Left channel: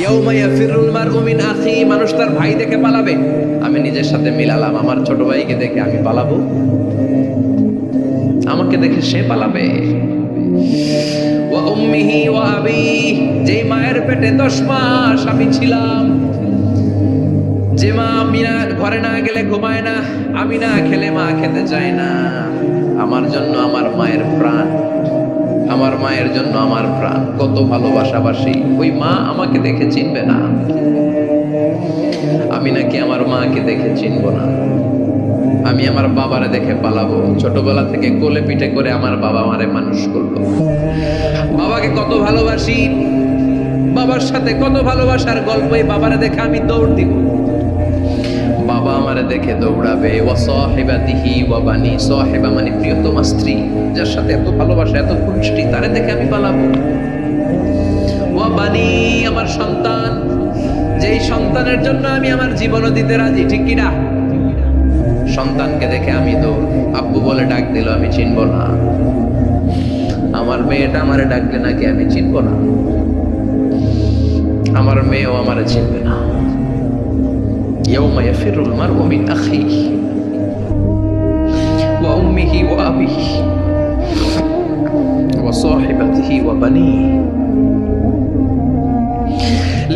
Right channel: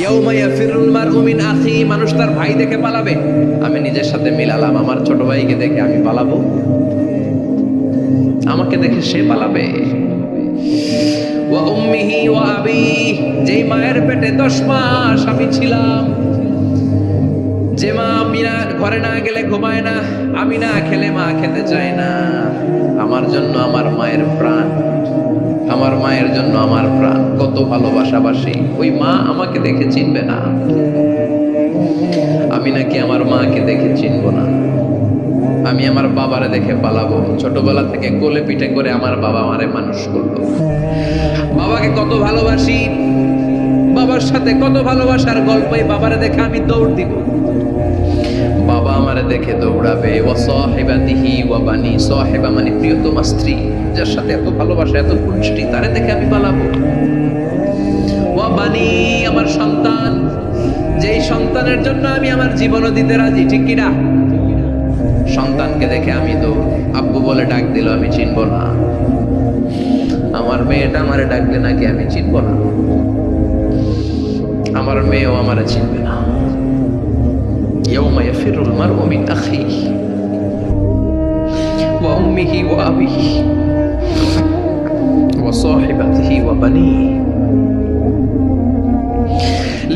ইয়াউমা ইয়াফিরুল মারউ মিন আখি, মানুষ তার ভাই দেখে পালাবে। আমি নিজের সাথে মিলালাম, আমার ছোট ভাইকে দেখে আমি পালাবো, আমাকে দেখে সে পালাবে। ওয়া উম্মিহি ওয়া আবি, যেই মায়ের পেটে 10 মাস আমি ছিলাম, যে মা আমি না ঘরে না গেলে ঘুমায় না, আমি না খেলে মা খেতে চায় না, আমার জন্য আমার মায়ের প্রাণ, আমার মায়ের জন্য আমার প্রাণ, কত ভালোবাসাবাসী। ওই মা আমাকে দেখে চিনবে না, আমি নাকি আমার মাকে দেখে চিনব না। আমি আমার বাবারে দেখে পালাবো। ছোটবেলা থেকে কোলে পিঠে করে আমার বাবা আমারে মানুষ করলো, বাবাকে কত ভালোবাসি, বাবার সাথে কত ভালোবাসার গল্প, এই বাবারে দেখে আমি দৌড় দিব, বাবা আমারে দেখে দৌড়াবে। ওয়া সাহিবাতিহি ওয়া বানি, সাহিবা মানে প্রিয়তমা স্ত্রী, যার সাথে এত ভালোবাসা এত খুনসুটি, তারে দেখে আমি পালাবো। ওয়া বানি, আমার সন্তান, যেই সন্তানের জন্য আমি আমার জীবনও দিতে রাজি, ঠিক কি না? সন্তানকে দেখে আমি দৌড়, আব্বু বলে ডাক দিল আমি চিনব না, আমার মেয়েটা আমারে ডাকলে নাকি আমি চিনব না, আমার মেয়েও আমারে চিনবে না। ইয়াউমা ইয়াফিরুল মারউ মিন আখিহি ওয়া উম্মিহি ওয়া আবিহি ওয়া সাহিবাতিহি ওয়া বানিহি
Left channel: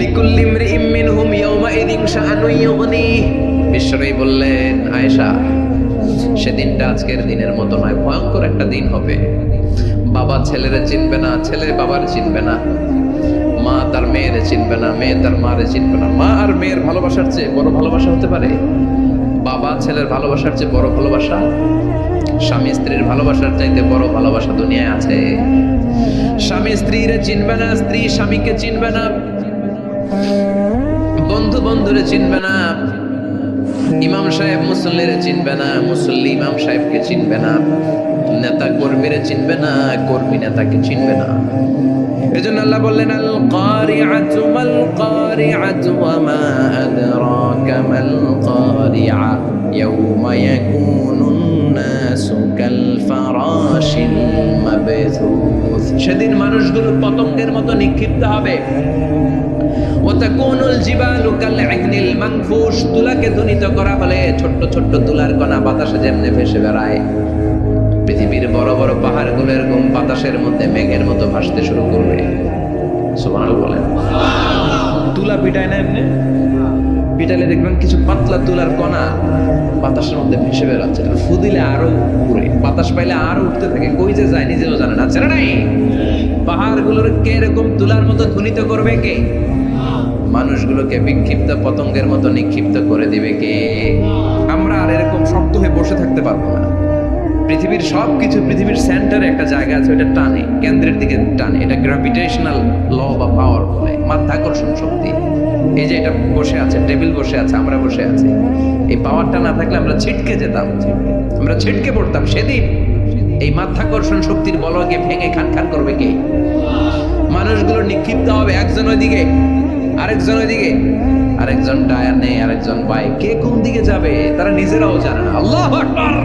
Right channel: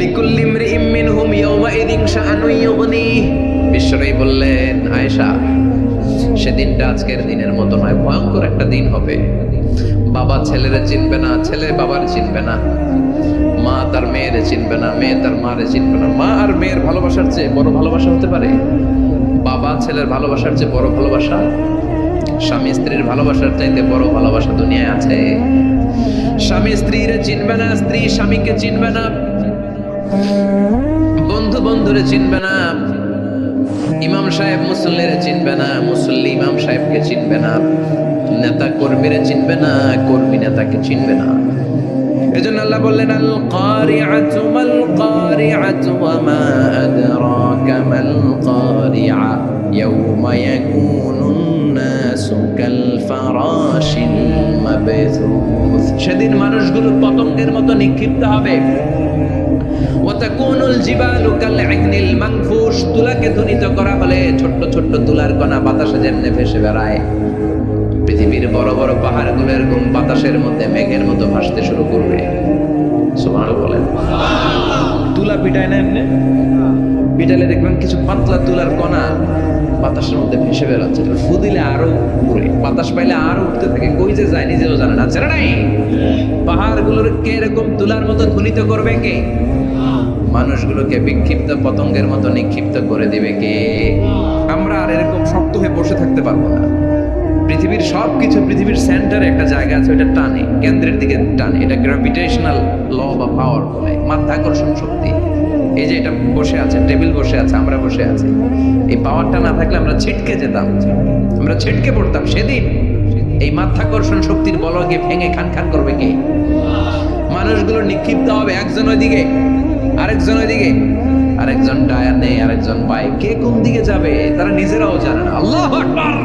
লিকুল্লি ইমরিইম মিনহুম ইয়াউমাইযিন শাআনুন ইউগনিহি। বিশ্বনবী বললেন, আয়েশা, সেদিনটা আজকের দিনের মতো নয়, ভয়ঙ্কর একটা দিন হবে। বাবা ছেলেরে চিনবে না, ছেলে বাবার চিনবে না, মা তার মেয়েরে চিনবে না, মেয়ে তার মারে চিনবে না। মা আর মেয়ের ভালোবাসার চেয়ে বড় ভালোবাসা হতে পারে? বাবা ছেলের ভালোবাসার চেয়ে বড় ভালোবাসা? স্বামী স্ত্রীর ভালোবাসার চাইতে বড় ভালোবাসা দুনিয়ায় আছে? স্বামী স্ত্রীরে চিনবে না, স্ত্রী স্বামীকে চিনবে না, বন্ধু বন্ধুরে চিনবে না, ইমাম সাহেব মুসল্লিরে চিনবে না, মুসল্লি ইমাম সাহেবকে চিনবে না, নেতা কর্মীরে চিনবে না, কর্মী নেতাকে চিনবে না। এজন্য আল্লাহ বললেন, আল কারিআতু মাল কারিআতু ওয়া মা আদরাকা মাল কারিআ ইয়াউমা ইয়াকুনুন নাসু কাল ফারাশিল মাবথুস। সেদিন মানুষগুলো পতঙ্গের মতো নিক্ষিপ্ত হবে। ওয়া তাকুনুল জিবালু কাল ইহনিল মানফুশ, তুলাকে ধ্বনিত করা হলে ছোট্ট ছোট্ট তুলার কণা বাতাসে যেমনে ভেসে বেড়ায়, পৃথিবীর বড় বড় পাহাড়গুলো এরকম বাতাসের মধ্যে মেঘের মতো ভাসতে শুরু করবে। সুবহানাল্লাহ বলেন। তুলা পিটায় না এমনি, পিটালে দেখবেন কিছু পাতলা তুলার কণা বাতাসের মধ্যে ভেসে বেড়াচ্ছে, ফু দিলে আরো উড়ে, বাতাস পাইলে আরো উঠতে থাকে, কই যে যায় নিজেও জানে না। ছেড়ে নাই, পাহাড়গুলোর কে এরকম তুলার মতো ধ্বনিত করবে কে? মানুষগুলোকে বিক্ষিপ্ত পতঙ্গের মতো নিক্ষিপ্ত করে দিবে কে? আমরা আর এরকম শক্ত হয়ে বসে থাকতে পারবো না। পৃথিবীর সবকিছু, পৃথিবীর সেন্টারে একটা জায়গা আছে, ওটা টানে, কেন্দ্রের দিকে টানে, এটা গ্র্যাভিটেশনাল ল বা পাওয়ার বলে, মাধ্যাকর্ষণ শক্তি। এই যে এটা বসে আছে, টেবিল বসে আছে, আমরা বসে আছি, এই পাওয়ারটা না থাকলে আমরা ছিটকে যেতাম, আমরা ছিটকে পড়তাম। সেদিন এই মাধ্যাকর্ষণ শক্তির বলকে ভেঙে খান খান করবে কে? মানুষগুলো নিক্ষিপ্ত হবে, একজন ওইদিকে, আরেকজন ওইদিকে, আরেকজন ডায়ানে, আরেকজন বাই, কে কোন দিকে যাবে তারা নিজেরাও জানে না। আল্লাহু আকবার।